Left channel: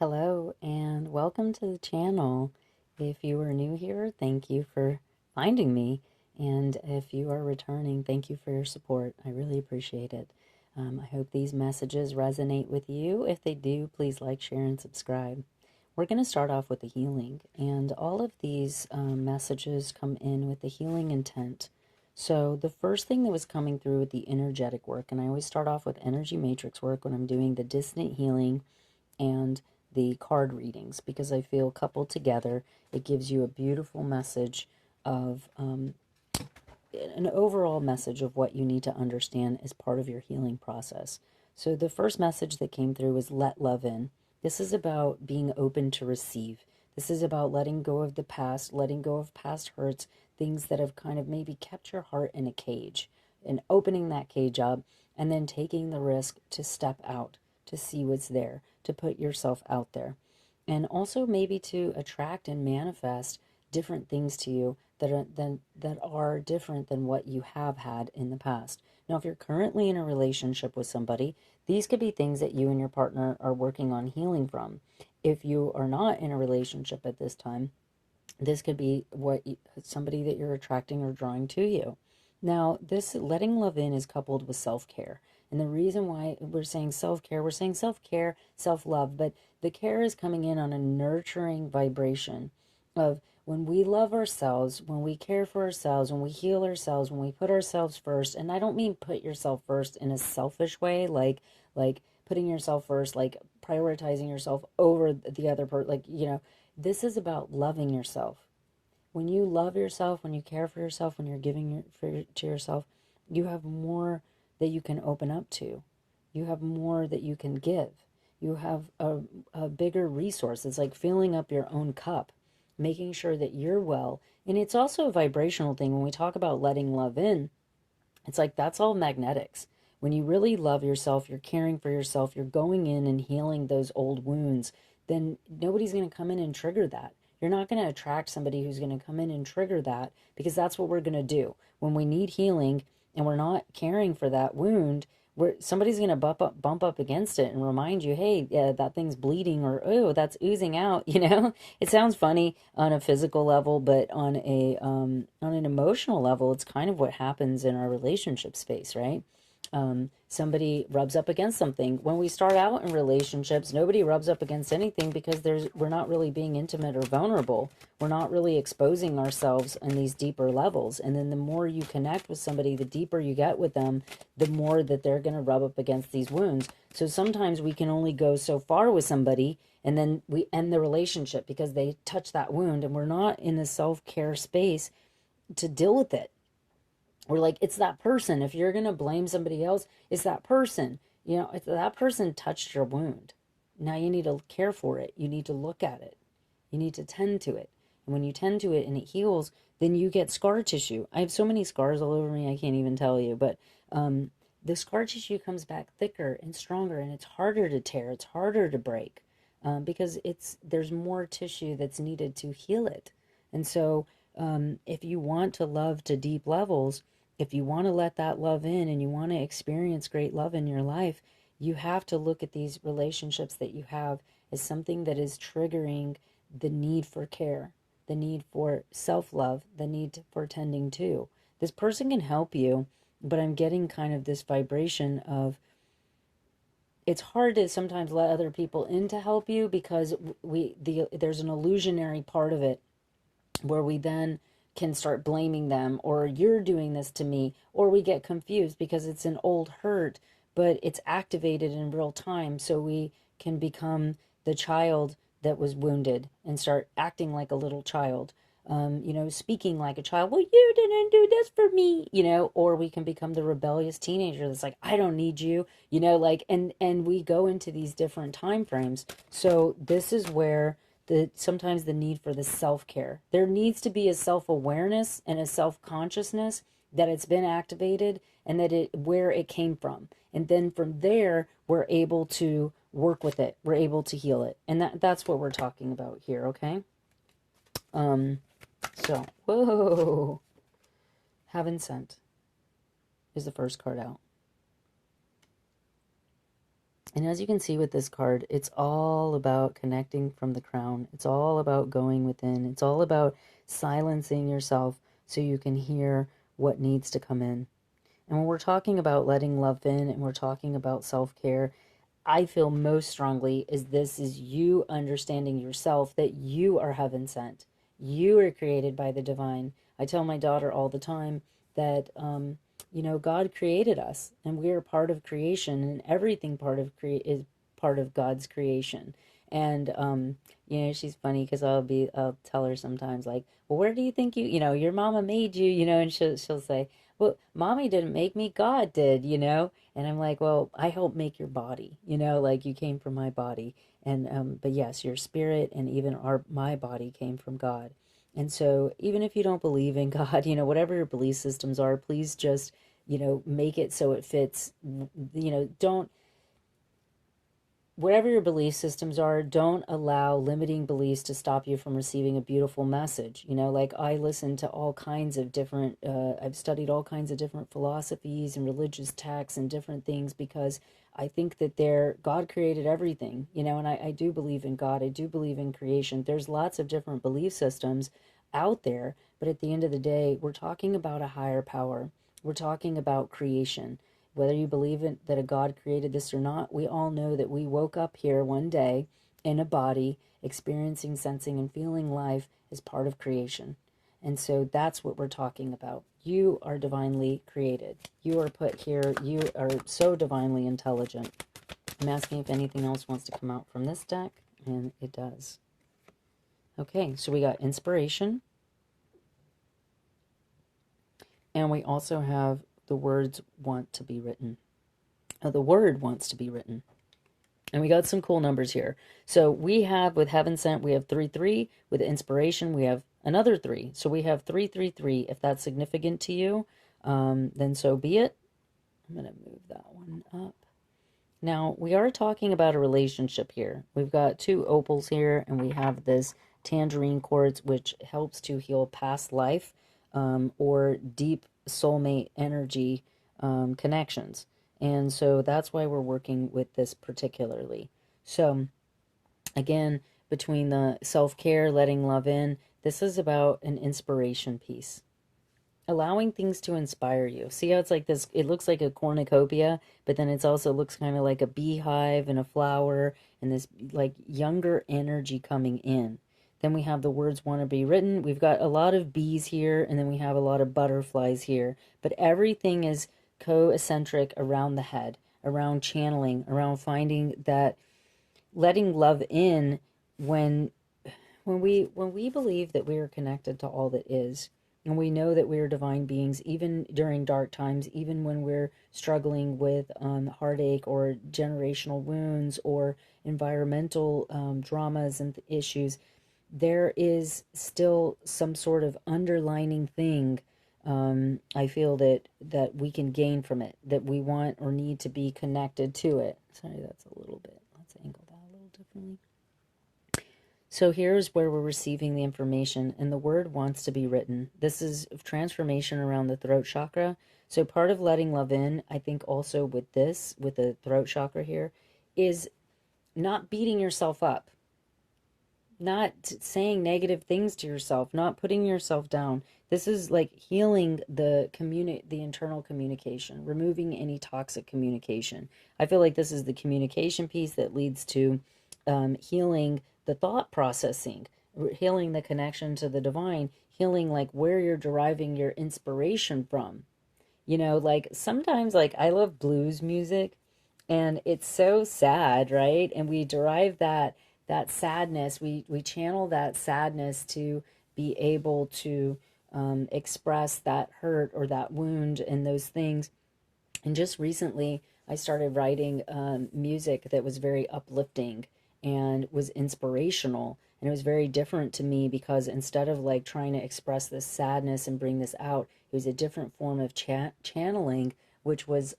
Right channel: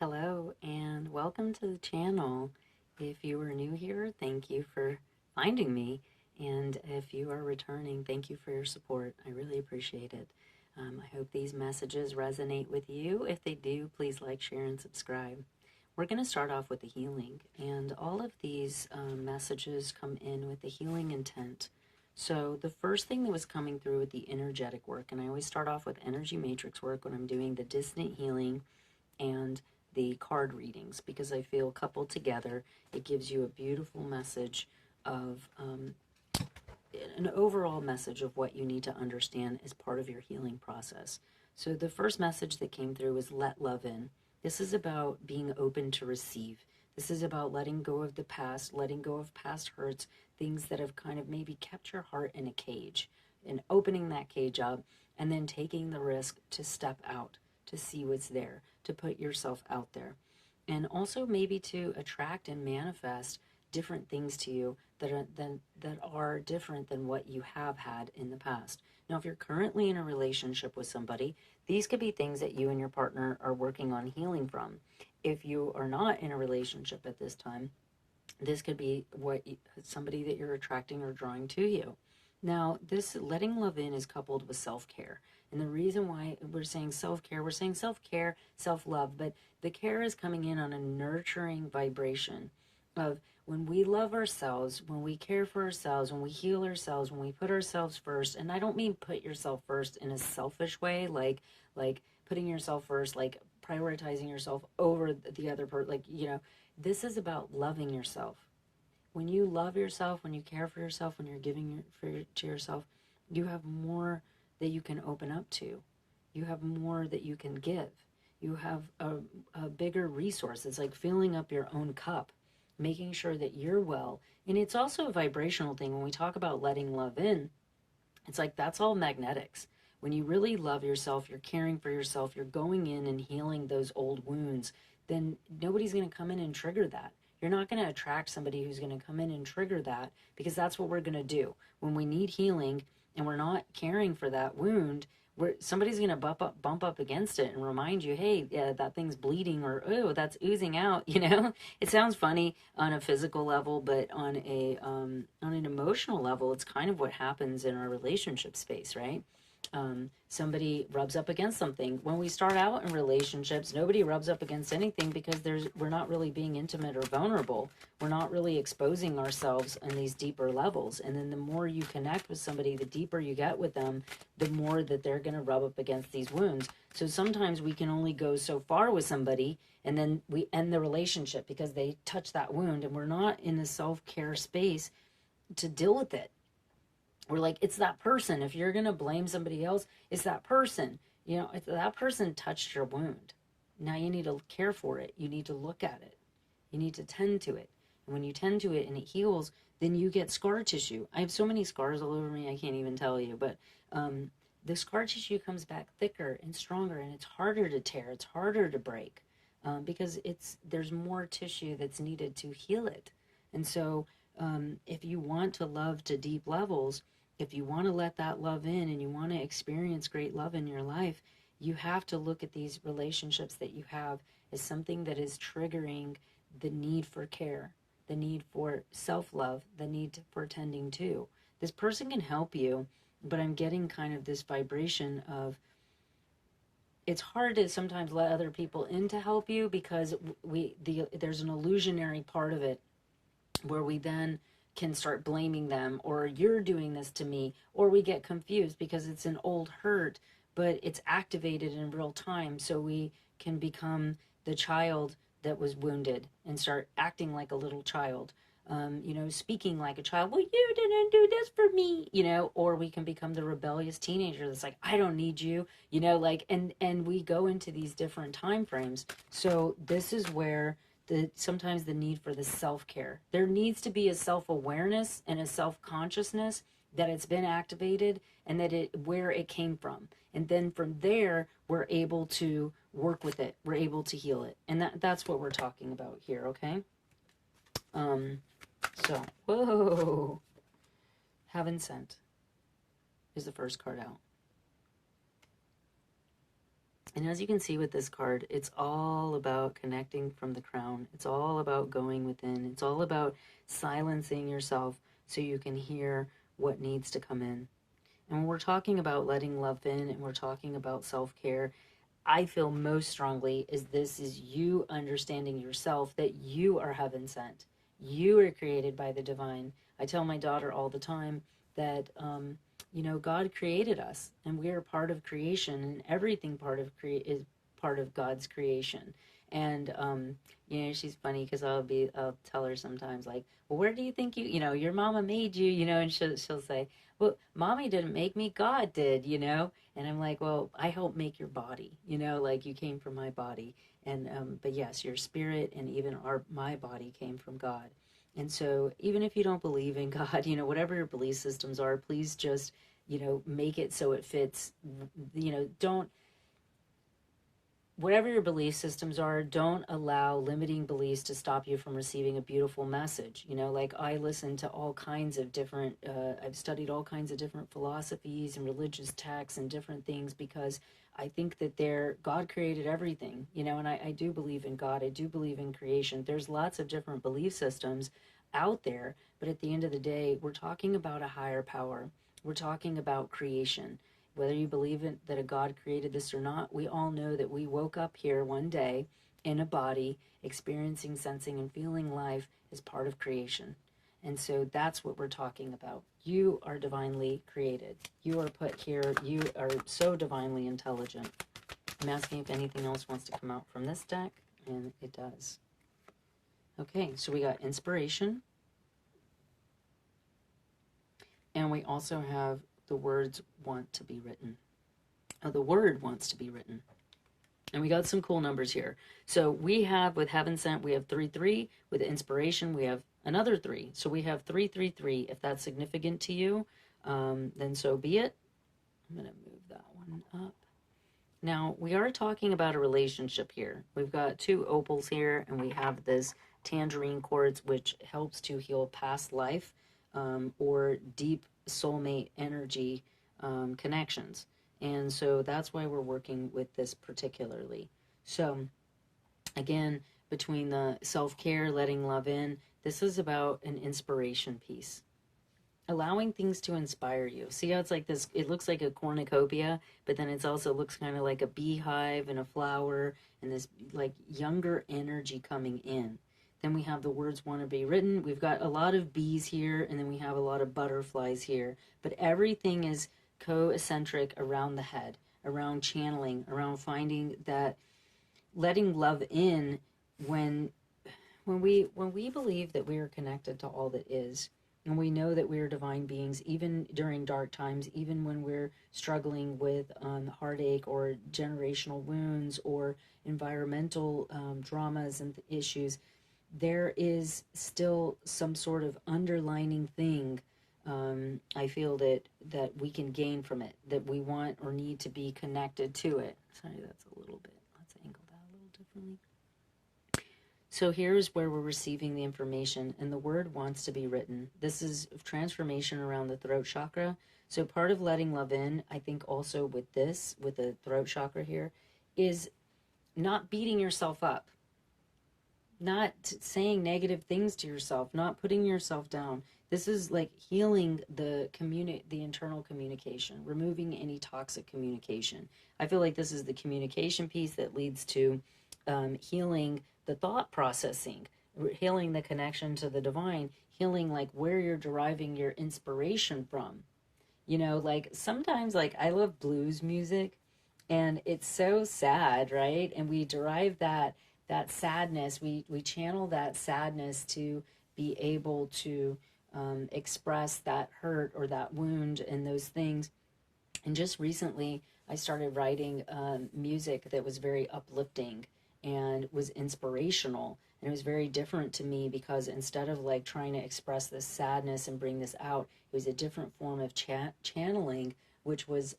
Hello and welcome to the channel. If you are new here, thank you for finding me. And if you are returning, thank you for your support. I really appreciate it. I hope these messages resonate with you. If they do, please like, share, and subscribe. We're going to start off with the healing. And all of these messages come in with the healing intent. So the first thing that was coming through with the energetic work, and I always start off with energy matrix work when I'm doing the dissonant healing and the card readings, because I feel coupled together, it gives you a beautiful message of an overall message of what you need to understand as part of your healing process. So the first message that came through was let love in. This is about being open to receive. This is about letting go of the past, letting go of past hurts, things that have kind of maybe kept your heart in a cage, and opening that cage up and then taking the risk to step out, to see what's there, to put yourself out there. And also maybe to attract and manifest different things to you that are different than what you have had in the past. Now, if you're currently in a relationship with somebody, these could be things that you and your partner are working on healing from. If you are not in a relationship at this time, this could be somebody that you're attracting or drawing to you. Now, this letting love in is coupled with self-care. And the reason why we're saying self-care, self-love, but the care is coming in on a nurturing vibration of when we love ourselves, when we care for ourselves, when we heal ourselves, when we put ourselves first. And I don't mean put yourself first in a selfish way, like putting yourself first, like prioritizing yourself over the other person, this is about loving yourself. When you love yourself, when you care for yourself, when you're giving to yourself, you have more that you can open up to. You have more that you can give. You have a bigger resource. It's like filling up your own cup, making sure that you're well. And it's also a vibrational thing. When we talk about letting love in, it's like that's all magnetics. When you really love yourself, you're caring for yourself, you're going in and healing those old wounds, then nobody's going to come in and trigger that. You're not going to attract somebody who's going to come in and trigger that, because that's what we're going to do. When we need healing and we're not caring for that wound, somebody's going to bump up against it and remind you, hey, that thing's bleeding, or, oh, that's oozing out, It sounds funny on a physical level, but on an emotional level, it's kind of what happens in our relationship space, right? Somebody rubs up against something. When we start out in relationships, nobody rubs up against anything because we're not really being intimate or vulnerable. We're not really exposing ourselves on these deeper levels. And then the more you connect with somebody, the deeper you get with them, the more that they're going to rub up against these wounds. So sometimes we can only go so far with somebody, and then we end the relationship because they touch that wound, and we're not in a self-care space to deal with it. We're like, it's that person. If you're going to blame somebody else, it's that person. If that person touched your wound, now you need to care for it. You need to look at it. You need to tend to it. And when you tend to it and it heals, then you get scar tissue. I have so many scars all over me, I can't even tell you. But the scar tissue comes back thicker and stronger, and it's harder to tear. It's harder to break because there's more tissue that's needed to heal it. And so if you want to love to deep levels, if you want to let that love in and you want to experience great love in your life, you have to look at these relationships that you have as something that is triggering the need for care, the need for self-love, the need for tending to. This person can help you, but I'm getting kind of this vibration of it's hard to sometimes let other people in to help you because there's an illusionary part of it where we then can start blaming them, or you're doing this to me, or we get confused because it's an old hurt, but it's activated in real time. So we can become the child that was wounded and start acting like a little child, speaking like a child. Well, you didn't do this for me, or we can become the rebellious teenager that's like, I don't need you, and we go into these different time frames. So this is where sometimes the need for the self-care. There needs to be a self-awareness and a self-consciousness that it's been activated and where it came from. And then from there, we're able to work with it. We're able to heal it. And that's what we're talking about here, okay? So, whoa. Heaven Sent is the first card out. And as you can see with this card, it's all about connecting from the crown. It's all about going within. It's all about silencing yourself so you can hear what needs to come in. And when we're talking about letting love in and we're talking about self-care, I feel most strongly is this is you understanding yourself that you are heaven sent. You are created by the divine. I tell my daughter all the time that, God created us and we are part of creation, and everything is part of God's creation. And, she's funny because I'll tell her sometimes like, well, where do you think your mama made you, and she'll say, well, mommy didn't make me, God did, And I'm like, well, I helped make your body, like you came from my body. And, but yes, your spirit and even my body came from God. And so even if you don't believe in God, whatever your belief systems are, please just, make it so it fits, don't, whatever your belief systems are, don't allow limiting beliefs to stop you from receiving a beautiful message. Like I listen to all kinds of different, I've studied all kinds of different philosophies and religious texts and different things because I think that God created everything, and I do believe in God. I do believe in creation. There's lots of different belief systems out there, but at the end of the day, we're talking about a higher power. We're talking about creation. Whether you believe that a God created this or not, we all know that we woke up here one day in a body, experiencing, sensing, and feeling life as part of creation. And so that's what we're talking about. You are divinely created. You are put here. You are so divinely intelligent. I'm asking if anything else wants to come out from this deck, and it does. Okay, so we got inspiration. And we also have the words want to be written. The word wants to be written. And we got some cool numbers here. So we have, with heaven sent, we have 3-3. With inspiration, we have another 3. So we have 3-3-3. If that's significant to you, then so be it. I'm going to move that one up. Now, we are talking about a relationship here. We've got 2 opals here, and we have this tangerine quartz, which helps to heal past life or deep soulmate energy connections. And so that's why we're working with this particularly. So again, between the self-care, letting love in, this is about an inspiration piece. Allowing things to inspire you. See how it's like this, it looks like a cornucopia, but then it also looks kind of like a beehive and a flower and this like younger energy coming in. Then we have the words want to be written. We've got a lot of bees here, and then we have a lot of butterflies here. But everything is co-eccentric around the head, around channeling, around finding that letting love in when we believe that we are connected to all that is, and we know that we are divine beings, even during dark times, even when we're struggling with heartache or generational wounds or environmental dramas and issues, there is still some sort of underlining thing I feel that we can gain from it, that we want or need to be connected to it. Sorry, that's a little bit, let's angle that a little differently. So here's where we're receiving the information, and the word wants to be written. This is transformation around the throat chakra. So part of letting love in, I think also with this, with the throat chakra here, is not beating yourself up, not saying negative things to yourself, not putting yourself down. This is like healing the internal communication, removing any toxic communication. I feel like this is the communication piece that leads to healing the thought processing, healing the connection to the divine, healing like where you're deriving your inspiration from. Like sometimes like I love blues music and it's so sad, right? And we derive that sadness, we channel that sadness to be able to express that hurt or that wound and those things. And just recently, I started writing music that was very uplifting and was inspirational. And it was very different to me because instead of like trying to express this sadness and bring this out, it was a different form of channeling, which was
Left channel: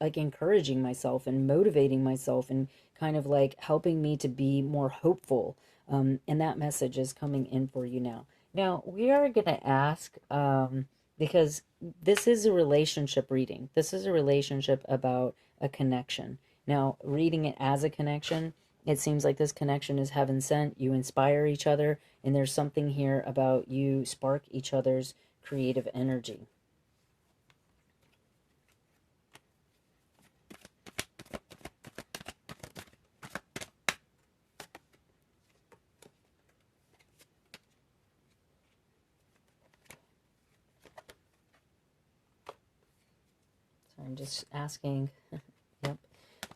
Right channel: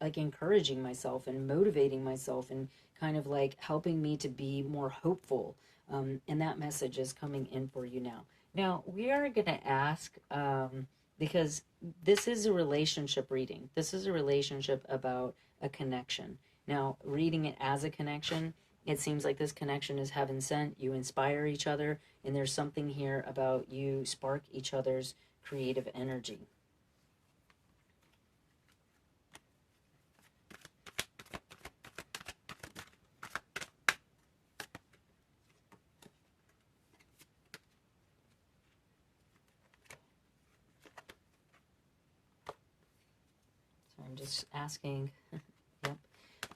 like encouraging myself and motivating myself and kind of like helping me to be more hopeful. And that message is coming in for you now. Now, we are going to ask, because this is a relationship reading. This is a relationship about a connection. Now, reading it as a connection, it seems like this connection is heaven sent. You inspire each other, and there's something here about you spark each other's creative energy. So I'm just asking. Yep.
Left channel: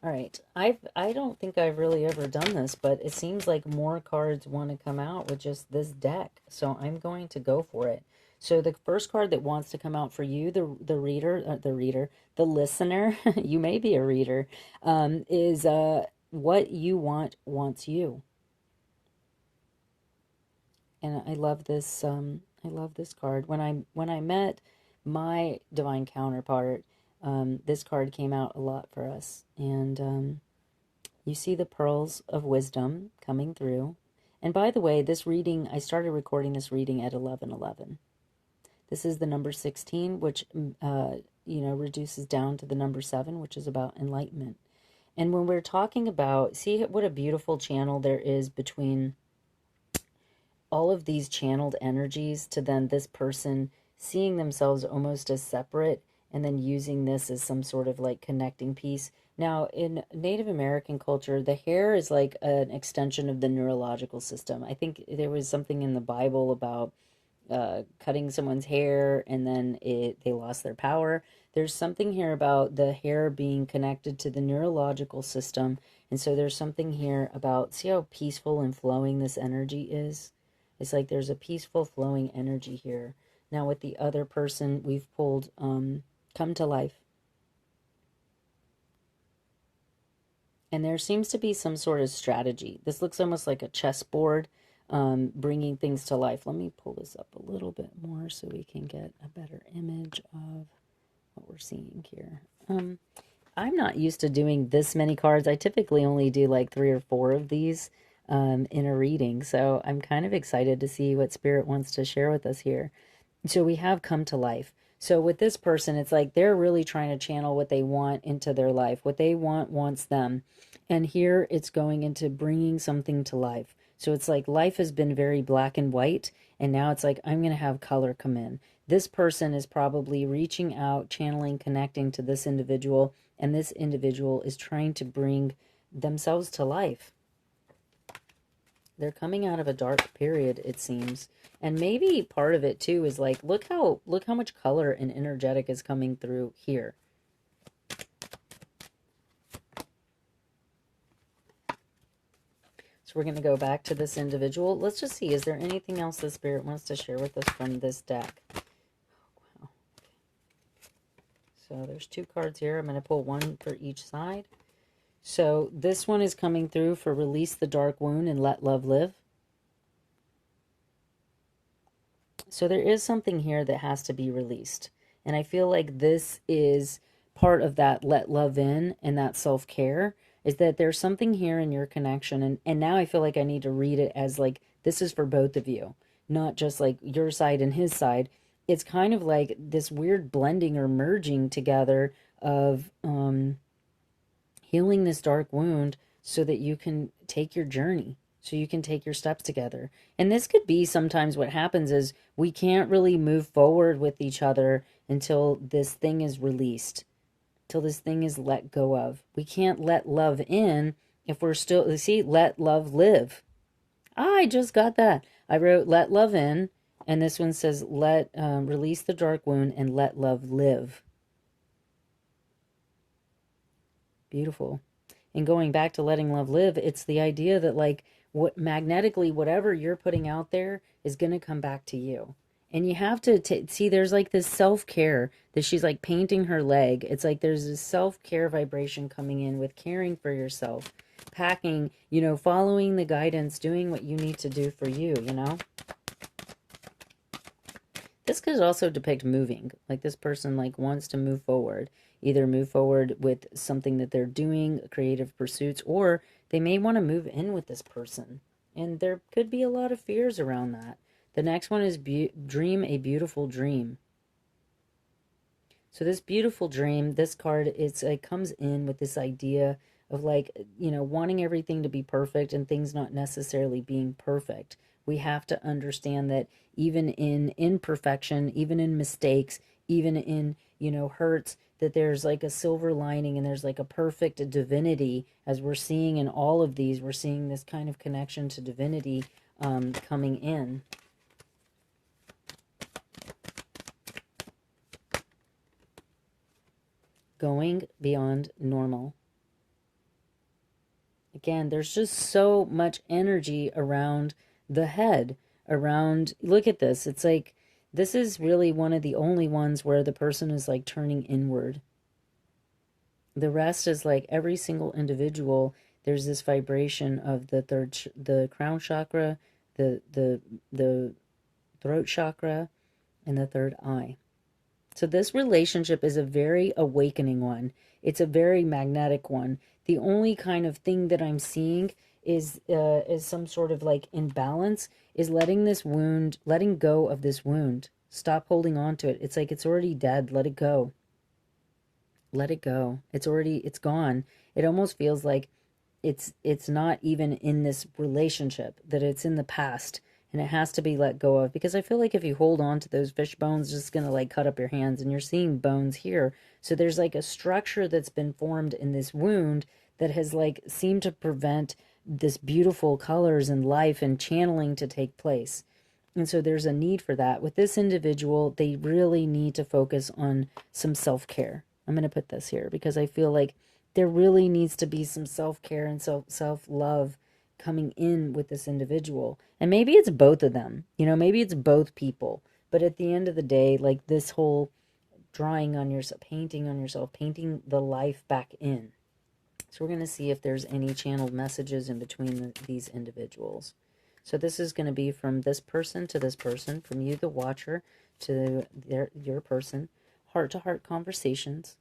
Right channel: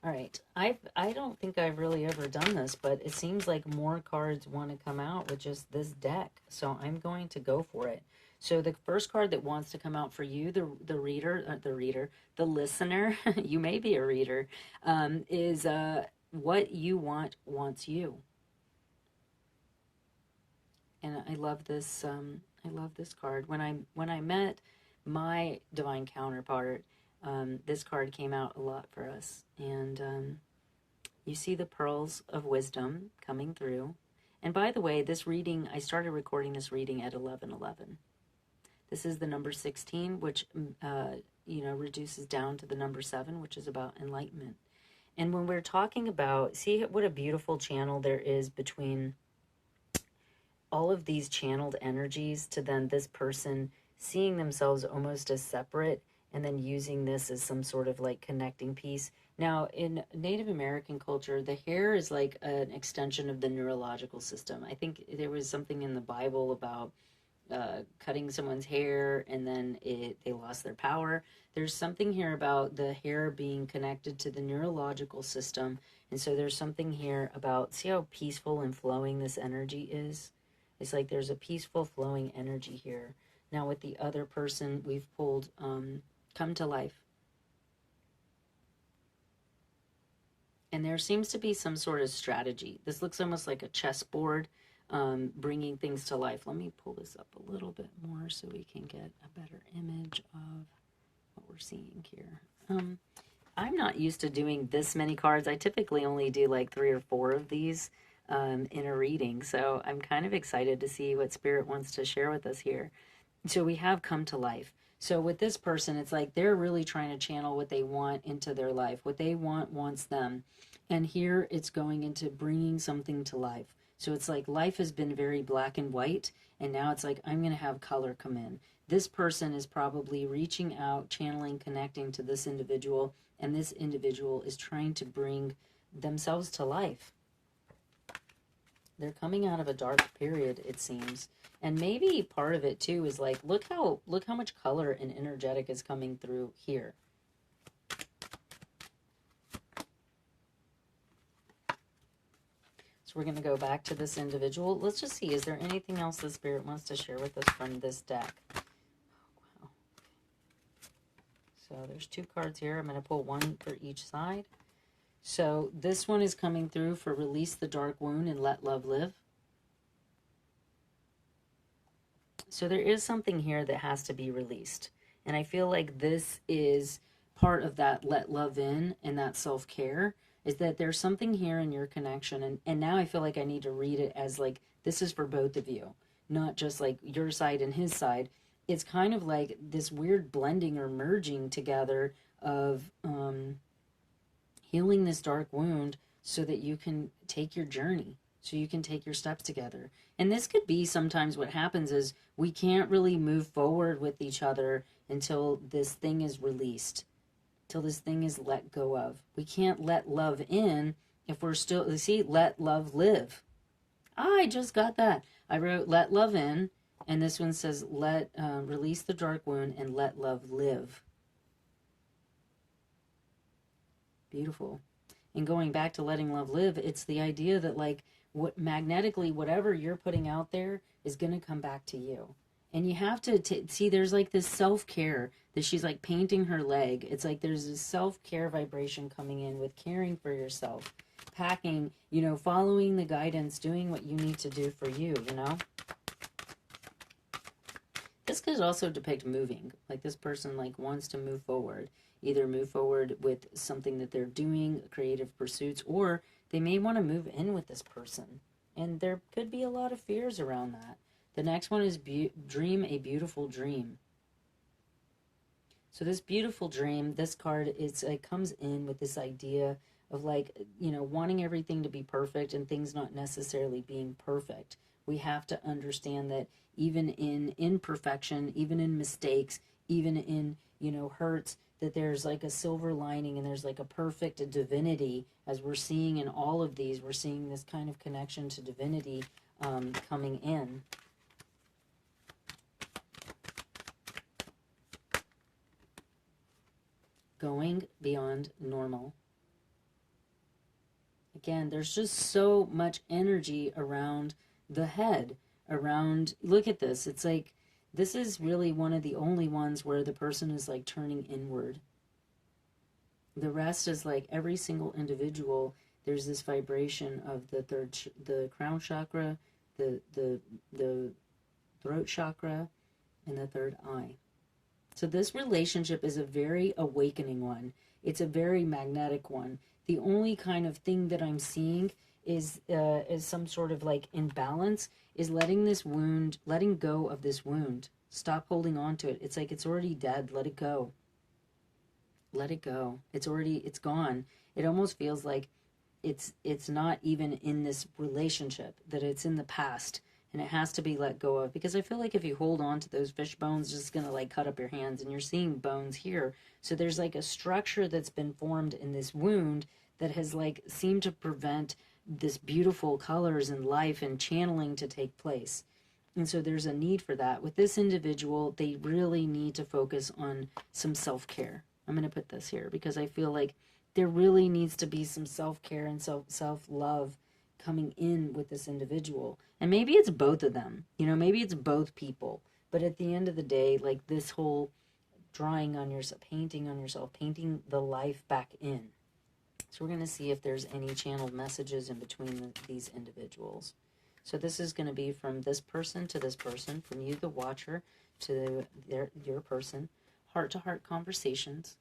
All right. I don't think I've really ever done this, but it seems like more cards want to come out with just this deck. So I'm going to go for it. So the first card that wants to come out for you, the listener, you may be a reader, is what you want wants you. And I love this. I love this card. When I met my divine counterpart, this card came out a lot for us. And you see the pearls of wisdom coming through. And by the way, this reading, I started recording this reading at 11:11. This is the number 16, which reduces down to the number 7, which is about enlightenment. And when we're talking about, see what a beautiful channel there is between all of these channeled energies to then this person seeing themselves almost as separate and then using this as some sort of like connecting piece. Now, in Native American culture, the hair is like an extension of the neurological system. I think there was something in the Bible about cutting someone's hair and then they lost their power. There's something here about the hair being connected to the neurological system. And so there's something here about, see how peaceful and flowing this energy is? It's like there's a peaceful flowing energy here. Now with the other person, we've pulled come to life. And there seems to be some sort of strategy. This looks almost like a chessboard, bringing things to life. Let me pull this up a little bit more so we can get a better image of what we're seeing here. I'm not used to doing this many cards. I typically only do like 3 or 4 of these in a reading. So I'm kind of excited to see what Spirit wants to share with us here. So we have come to life. So with this person, it's like they're really trying to channel what they want into their life. What they want wants them. And here it's going into bringing something to life. So it's like life has been very black and white, and now it's like I'm going to have color come in. This person is probably reaching out, channeling, connecting to this individual, and this individual is trying to bring themselves to life. They're coming out of a dark period, it seems. And maybe part of it too is like, look how much color and energetic is coming through here. So we're going to go back to this individual. Let's just see, is there anything else the Spirit wants to share with us from this deck? Wow. So there's 2 cards here. I'm going to pull 1 for each side. So this one is coming through for release the dark wound and let love live. So there is something here that has to be released. And I feel like this is part of that let love in and that self-care, is that there's something here in your connection. And now I feel like I need to read it as like, this is for both of you, not just like your side and his side. It's kind of like this weird blending or merging together of healing this dark wound so that you can take your journey, so you can take your steps together. And this could be sometimes what happens is we can't really move forward with each other until this thing is released, till this thing is let go of. We can't let love in if we're still, see, let love live. I just got that. I wrote let love in, and this one says let release the dark wound and let love live. Beautiful. And going back to letting love live, it's the idea that like what magnetically, whatever you're putting out there is going to come back to you. And you have to see, there's like this self-care that she's like painting her leg. It's like there's this self-care vibration coming in with caring for yourself, packing, following the guidance, doing what you need to do for you, This could also depict moving, like this person like wants to move forward, either move forward with something that they're doing, creative pursuits, or they may want to move in with this person. And there could be a lot of fears around that. The next one is dream a beautiful dream. So this beautiful dream, this card, it comes in with this idea of like, wanting everything to be perfect and things not necessarily being perfect. We have to understand that even in imperfection, even in mistakes, even in, hurts, that there's like a silver lining and there's like a perfect divinity. As we're seeing in all of these, we're seeing this kind of connection to divinity coming in. Going beyond normal. Again, there's just so much energy around the head, around, look at this. It's like, this is really one of the only ones where the person is like turning inward. The rest is like every single individual, there's this vibration of the crown chakra, the throat chakra, and the third eye. So this relationship is a very awakening one. It's a very magnetic one. The only kind of thing that I'm seeing is some sort of like imbalance, is letting this wound, letting go of this wound. Stop holding on to it. It's like it's already dead. Let it go. Let it go. It's gone. It almost feels like it's not even in this relationship, that it's in the past. And it has to be let go of, because I feel like if you hold on to those fish bones, it's just going to like cut up your hands, and you're seeing bones here. So there's like a structure that's been formed in this wound that has like seemed to prevent this beautiful colors and life and channeling to take place. And so there's a need for that. With this individual, they really need to focus on some self-care. I'm going to put this here because I feel like there really needs to be some self-care and self-love coming in with this individual. And maybe it's both of them, maybe it's both people. But at the end of the day, like this whole drawing on yourself, painting the life back in. So we're going to see if there's any channeled messages in between these individuals. So this is going to be from this person to this person, from you, the watcher, to your person, heart-to-heart conversations.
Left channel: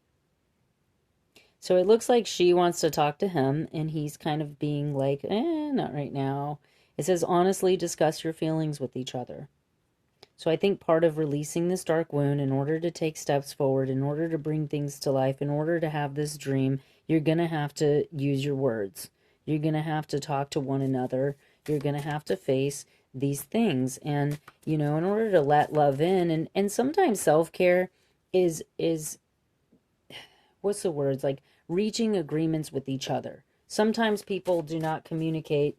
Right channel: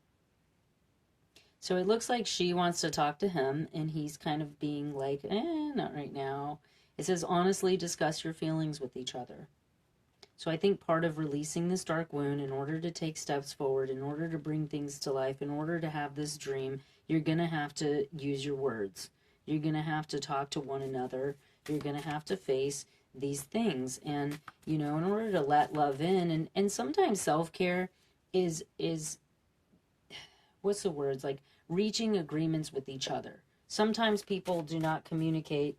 So it looks like she wants to talk to him, and he's kind of being like, not right now. It says, honestly discuss your feelings with each other. So I think part of releasing this dark wound, in order to take steps forward, in order to bring things to life, in order to have this dream, you're going to have to use your words. You're going to have to talk to one another. You're going to have to face these things. And, in order to let love in, and sometimes self-care is what's the words, like reaching agreements with each other. Sometimes people do not communicate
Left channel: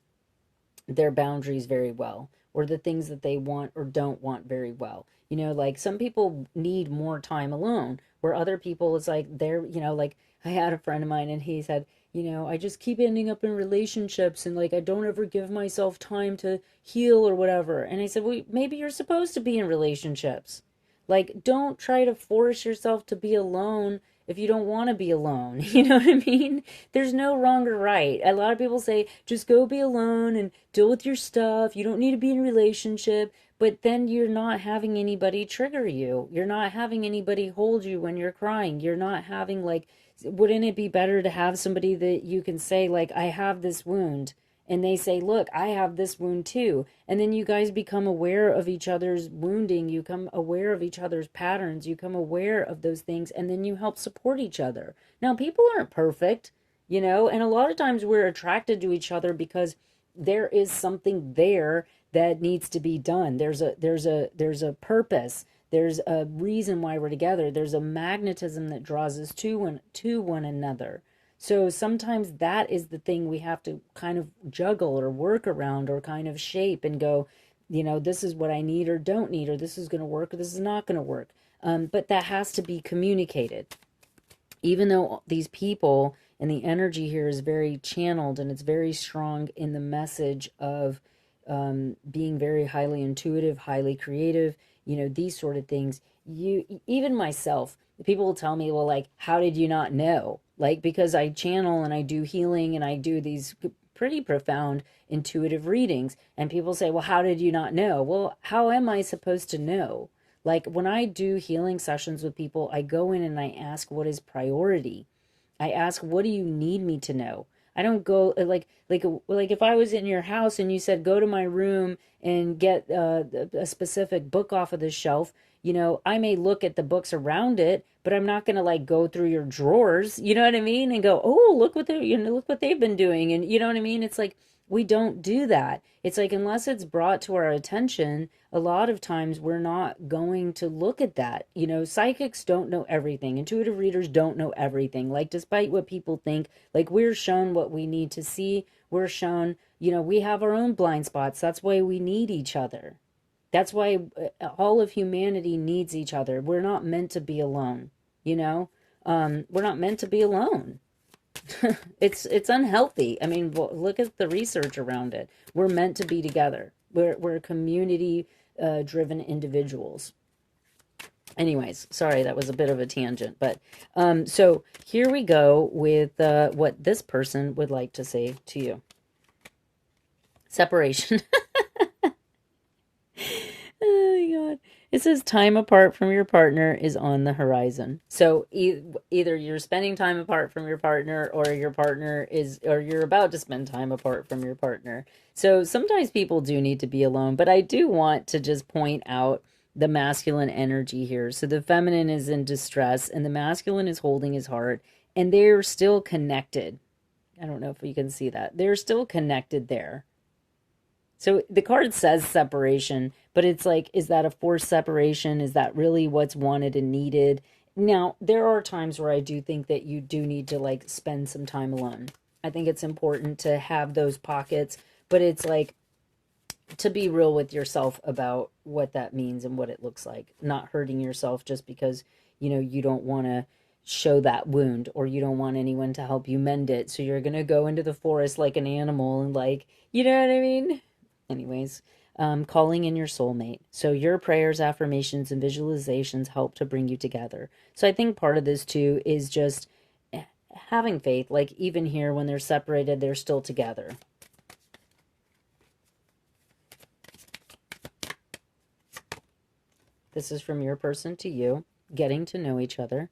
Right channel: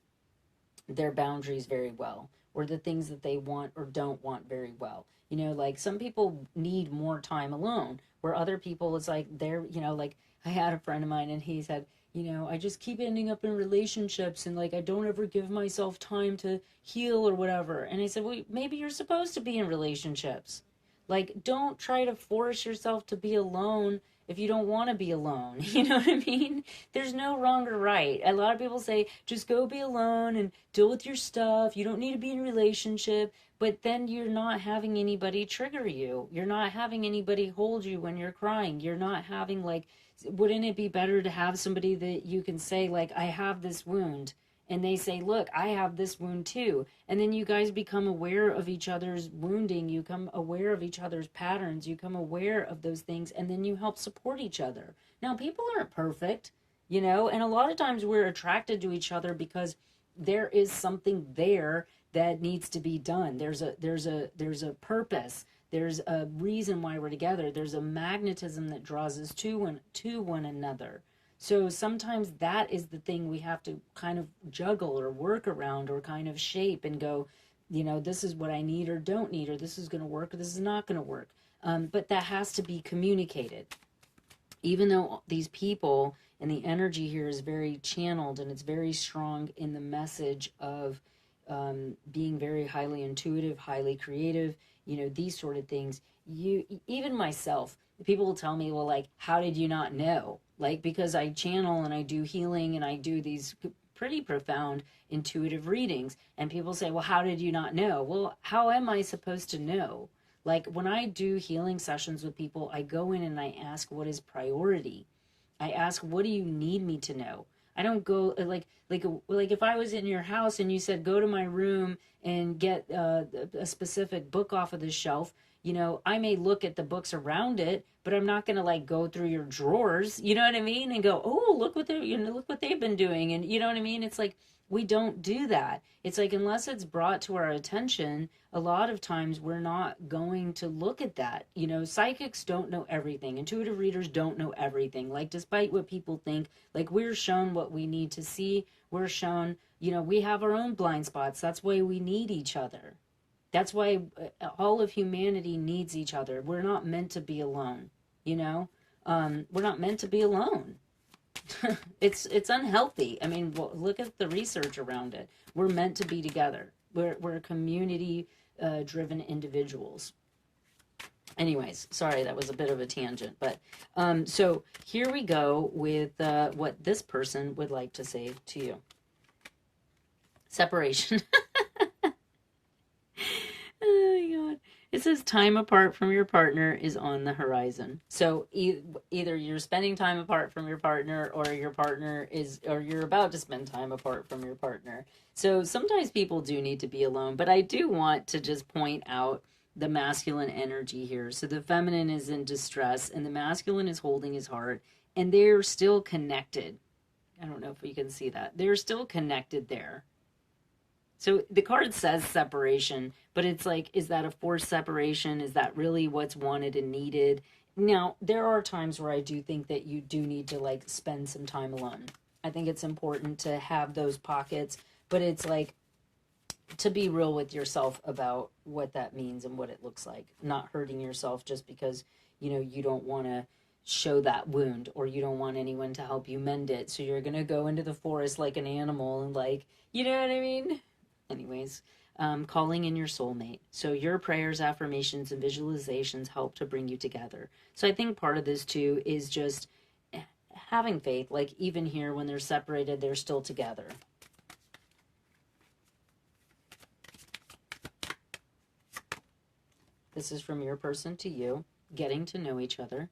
their boundaries very well, or the things that they want or don't want very well. Like some people need more time alone, where other people, it's like they're, like I had a friend of mine and he said, I just keep ending up in relationships and like I don't ever give myself time to heal or whatever. And I said, well, maybe you're supposed to be in relationships. Like, don't try to force yourself to be alone if you don't want to be alone. You know what I mean? There's no wrong or right. A lot of people say, just go be alone and deal with your stuff. You don't need to be in a relationship. But then you're not having anybody trigger you. You're not having anybody hold you when you're crying. You're not having, like, wouldn't it be better to have somebody that you can say, like, I have this wound, and they say, look, I have this wound too. And then you guys become aware of each other's wounding. You become aware of each other's patterns. You become aware of those things, and then you help support each other. Now, people aren't perfect, and a lot of times we're attracted to each other because there is something there that needs to be done. There's a purpose. There's a reason why we're together. There's a magnetism that draws us to one another. So sometimes that is the thing we have to kind of juggle or work around or kind of shape and go, this is what I need or don't need, or this is going to work or this is not going to work. But that has to be communicated. Even though these people and the energy here is very channeled and it's very strong in the message of being very highly intuitive, highly creative, these sort of things. Even myself, people will tell me, well, like, how did you not know? Like, because I channel and I do healing and I do these pretty profound intuitive readings. And people say, well, how did you not know? Well, how am I supposed to know? Like, when I do healing sessions with people, I go in and I ask, what is priority? I ask, what do you need me to know? I don't go like if I was in your house and you said, go to my room and get a specific book off of the shelf, you know, I may look at the books around it, but I'm not going to like go through your drawers, you know what I mean? And go, oh, look what they, you know, look what they've been doing. And you know what I mean? It's like, we don't do that. It's like, unless it's brought to our attention, a lot of times we're not going to look at that. You know, psychics don't know everything. Intuitive readers don't know everything. Like, despite what people think, like, we're shown what we need to see. We're shown, you know, we have our own blind spots. That's why we need each other. That's why all of humanity needs each other. We're not meant to be alone, you know? We're not meant to be alone. It's unhealthy. I mean, look at the research around it. We're meant to be together. We're community driven individuals. Anyways, sorry, that was a bit of a tangent, but so here we go with what this person would like to say to you. Separation. Oh my God. It says time apart from your partner is on the horizon. So either you're spending time apart from your partner, or your partner is, or you're about to spend time apart from your partner. So sometimes people do need to be alone, but I do want to just point out the masculine energy here. So the feminine is in distress and the masculine is holding his heart, and they're still connected. I don't know if you can see that. They're still connected there. So the card says separation, but it's like, is that a forced separation? Is that really what's wanted and needed? Now, there are times where I do think that you do need to like spend some time alone. I think it's important to have those pockets, but it's like to be real with yourself about what that means and what it looks like. Not hurting yourself just because, you know, you don't want to show that wound, or you don't want anyone to help you mend it. So you're going to go into the forest like an animal and like, you know what I mean? Anyways, calling in your soulmate. So your prayers, affirmations, and visualizations help to bring you together. So I think part of this too is just having faith. Like, even here, when they're separated, they're still together. This is from your person to you, getting to know each other.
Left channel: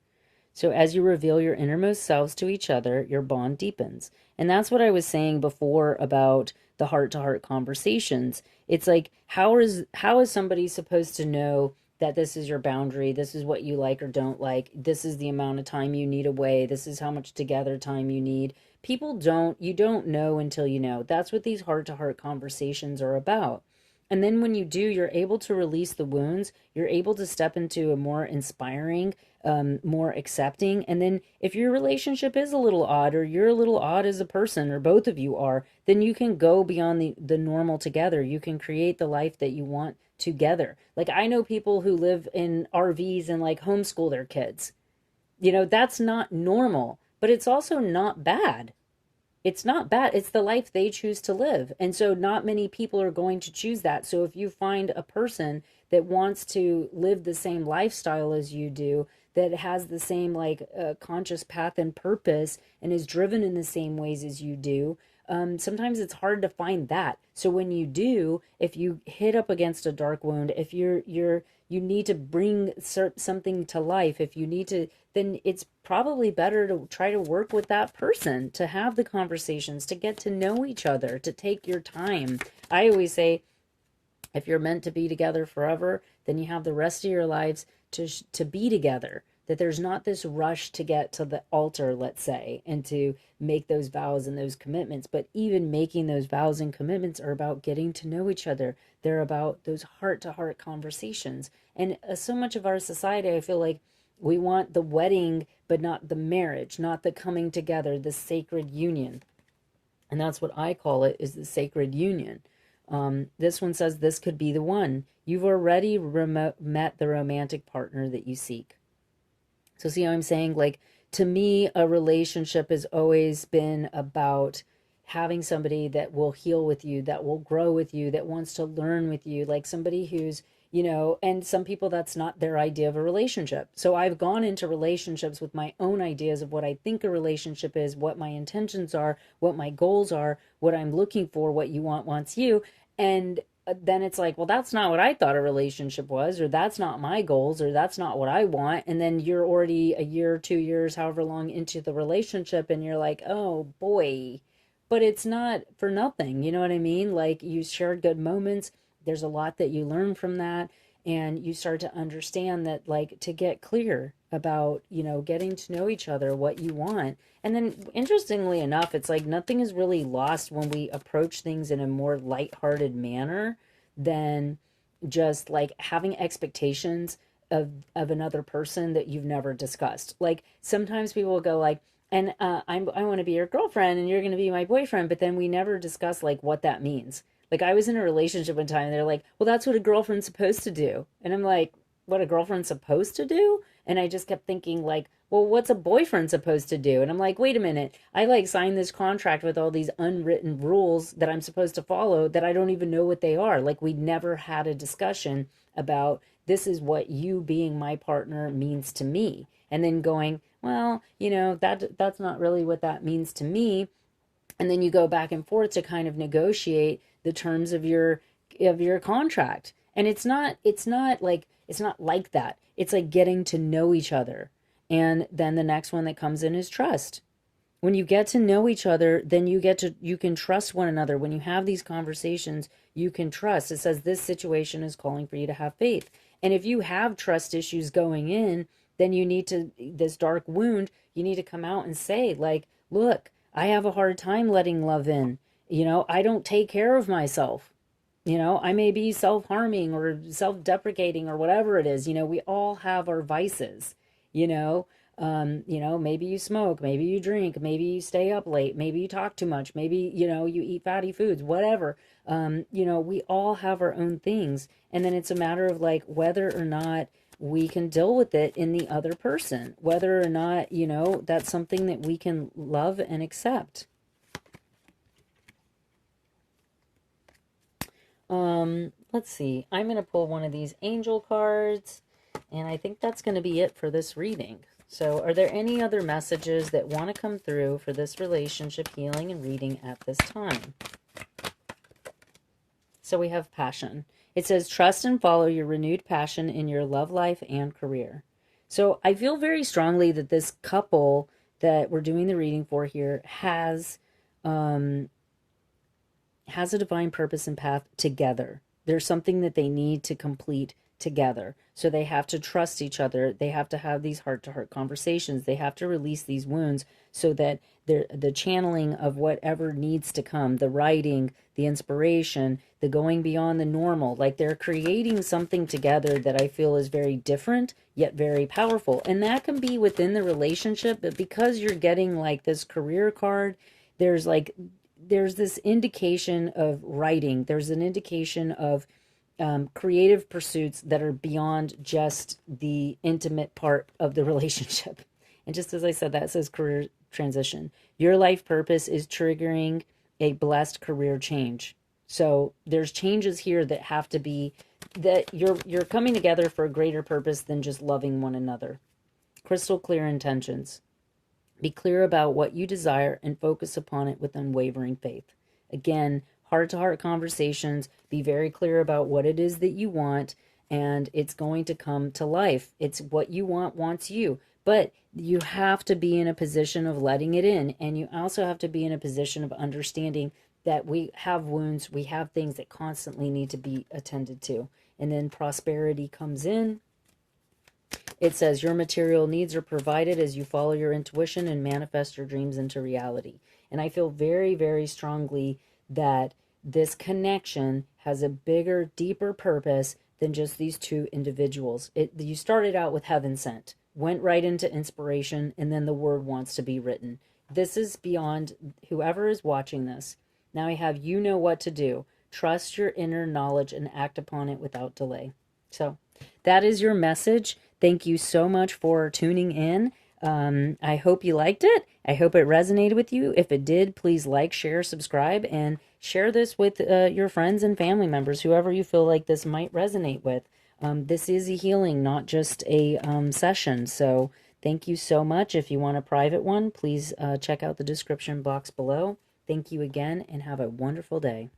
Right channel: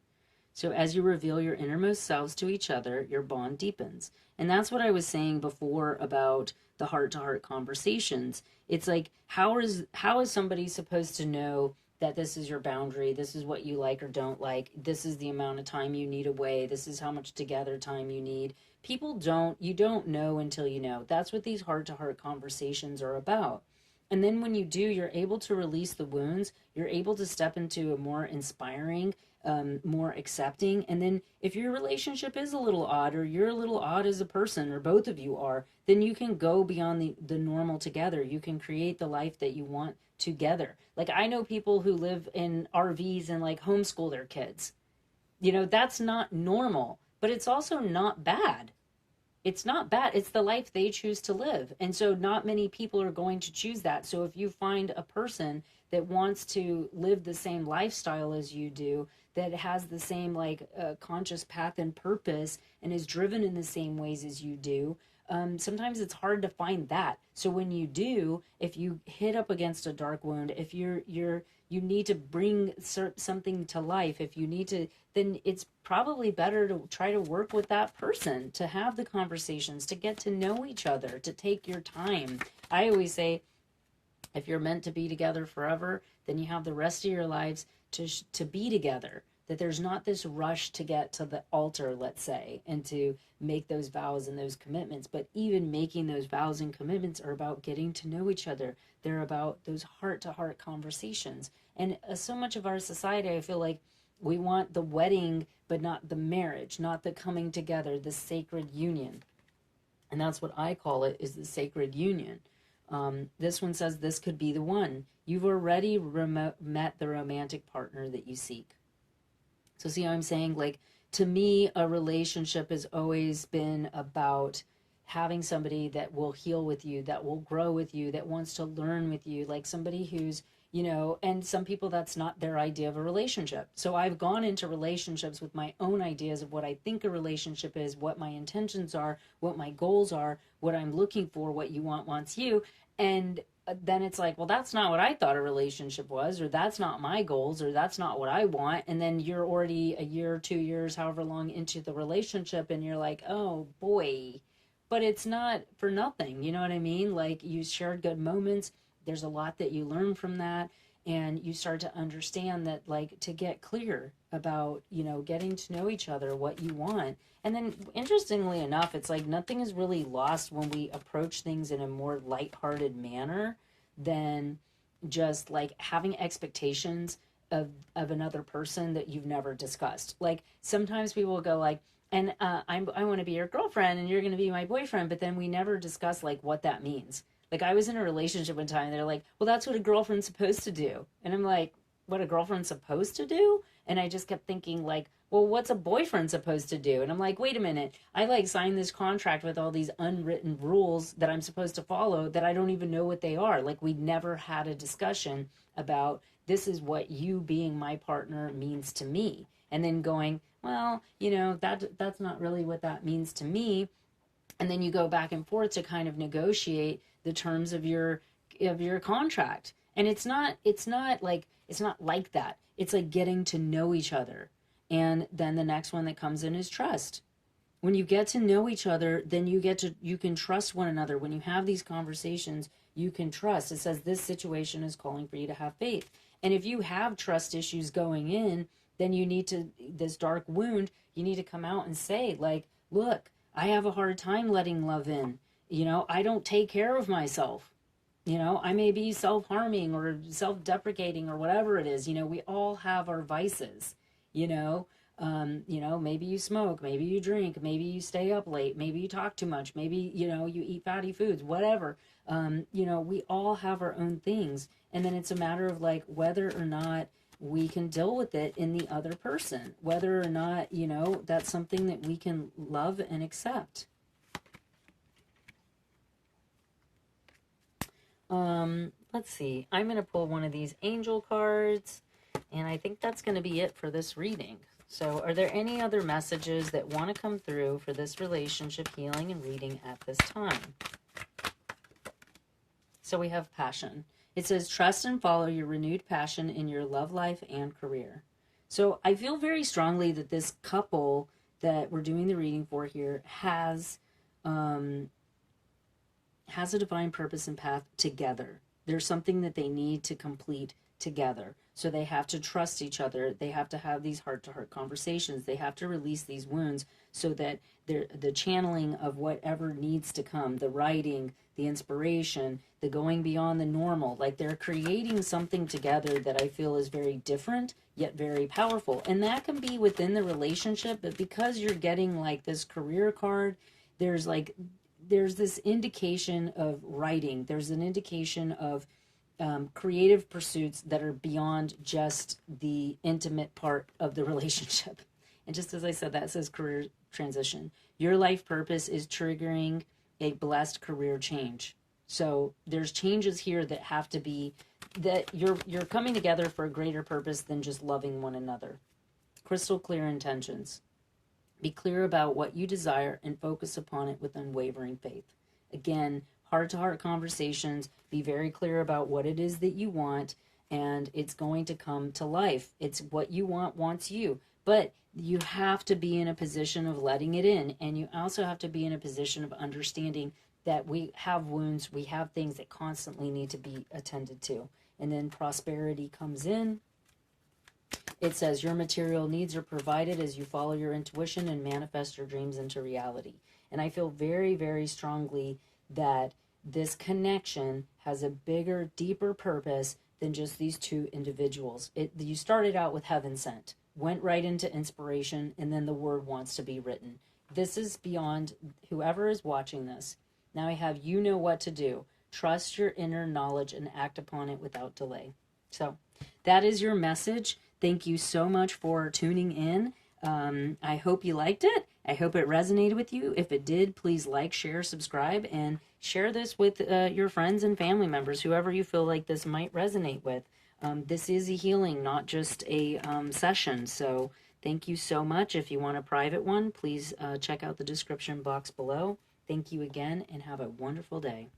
So as you reveal your innermost selves to each other, your bond deepens. And that's what I was saying before about the heart-to-heart conversations. It's like, how is somebody supposed to know that this is your boundary, this is what you like or don't like, this is the amount of time you need away, this is how much together time you need? You don't know until you know. That's what these heart-to-heart conversations are about. And then when you do, you're able to release the wounds. You're able to step into a more inspiring, more accepting. And then if your relationship is a little odd, or you're a little odd as a person, or both of you are, then you can go beyond the normal together. You can create the life that you want together. Like, I know people who live in RVs and like homeschool their kids. You know, that's not normal, but it's also not bad. It's not bad. It's the life they choose to live. And so not many people are going to choose that. So if you find a person that wants to live the same lifestyle as you do, that has the same like conscious path and purpose, and is driven in the same ways as you do, sometimes it's hard to find that. So when you do, if you hit up against a dark wound, if you need to bring something to life, if you need to, then it's probably better to try to work with that person, to have the conversations, to get to know each other, to take your time. I always say, if you're meant to be together forever, then you have the rest of your lives to be together. That there's not this rush to get to the altar, let's say, and to make those vows and those commitments. But even making those vows and commitments are about getting to know each other. They're about those heart-to-heart conversations. And so much of our society, I feel like we want the wedding, but not the marriage, not the coming together, the sacred union. And that's what I call it, is the sacred union. This one says, this could be the one. You've already met the romantic partner that you seek. So see how I'm saying? Like, to me, a relationship has always been about having somebody that will heal with you, that will grow with you, that wants to learn with you, like somebody who's, you know, and some people, that's not their idea of a relationship. So I've gone into relationships with my own ideas of what I think a relationship is, what my intentions are, what my goals are, what I'm looking for, what you want wants you. And then it's like, well, that's not what I thought a relationship was, or that's not my goals, or that's not what I want. And then you're already a year, 2 years, however long into the relationship, and you're like, oh boy, but it's not for nothing. You know what I mean? Like, you shared good moments. There's a lot that you learn from that. and you start to understand that, like, to get clear about, you know, getting to know each other, what you want. And then, interestingly enough, it's like nothing is really lost when we approach things in a more lighthearted manner than just like having expectations of another person that you've never discussed. Like sometimes people will go like, and I want to be your girlfriend and you're going to be my boyfriend, but then we never discuss like what that means. Like I was in a relationship one time and they're like, well, that's what a girlfriend's supposed to do. And I'm like, what a girlfriend's supposed to do? And I just kept thinking like, well, what's a boyfriend supposed to do? And I'm like, wait a minute. I like signed this contract with all these unwritten rules that I'm supposed to follow that I don't even know what they are. Like we never had a discussion about this is what you being my partner means to me. And then going, well, you know, that's not really what that means to me. And then you go back and forth to kind of negotiate the terms of your contract. And it's not like that. It's like getting to know each other. And then the next one that comes in is trust. When you get to know each other, then you can trust one another. When you have these conversations, you can trust. It says this situation is calling for you to have faith. And if you have trust issues going in, then you need to, this dark wound, you need to come out and say like, look, I have a hard time letting love in. You know, I don't take care of myself. You know, I may be self-harming or self-deprecating or whatever it is. You know, we all have our vices, you know. Maybe you smoke, maybe you drink, maybe you stay up late, maybe you talk too much, maybe, you know, you eat fatty foods, whatever. We all have our own things. And then it's a matter of like whether or not we can deal with it in the other person, whether or not, you know, that's something that we can love and accept. Let's see. I'm going to pull one of these angel cards, and I think that's going to be it for this reading. So are there any other messages that want to come through for this relationship healing and reading at this time? So we have passion. It says, trust and follow your renewed passion in your love life and career. So I feel very strongly that this couple that we're doing the reading for here has a divine purpose and path together. There's something that they need to complete together. So they have to trust each other. They have to have these heart-to-heart conversations. They have to release these wounds so that the channeling of whatever needs to come, the writing, the inspiration, the going beyond the normal, like they're creating something together that I feel is very different, yet very powerful. And that can be within the relationship, but because you're getting like this career card, there's this indication of writing. There's an indication of creative pursuits that are beyond just the intimate part of the relationship. And just as I said, that says career transition. Your life purpose is triggering a blessed career change. So there's changes here that have to be, that you're coming together for a greater purpose than just loving one another. Crystal clear intentions. Be clear about what you desire and focus upon it with unwavering faith. Again, heart-to-heart conversations. Be very clear about what it is that you want, and it's going to come to life. It's what you want wants you. But you have to be in a position of letting it in, and you also have to be in a position of understanding that we have wounds, we have things that constantly need to be attended to. And then prosperity comes in. It says your material needs are provided as you follow your intuition and manifest your dreams into reality. And I feel very, very strongly that this connection has a bigger, deeper purpose than just these two individuals. You started out with heaven sent, went right into inspiration, and then the word wants to be written. This is beyond whoever is watching this. Now I have you know what to do. Trust your inner knowledge and act upon it without delay. So that is your message. Thank you so much for tuning in. I hope you liked it. I hope it resonated with you. If it did, please like, share, subscribe, and share this with your friends and family members, whoever you feel like this might resonate with. This is a healing, not just a session. So thank you so much. If you want a private one, please check out the description box below. Thank you again, and have a wonderful day.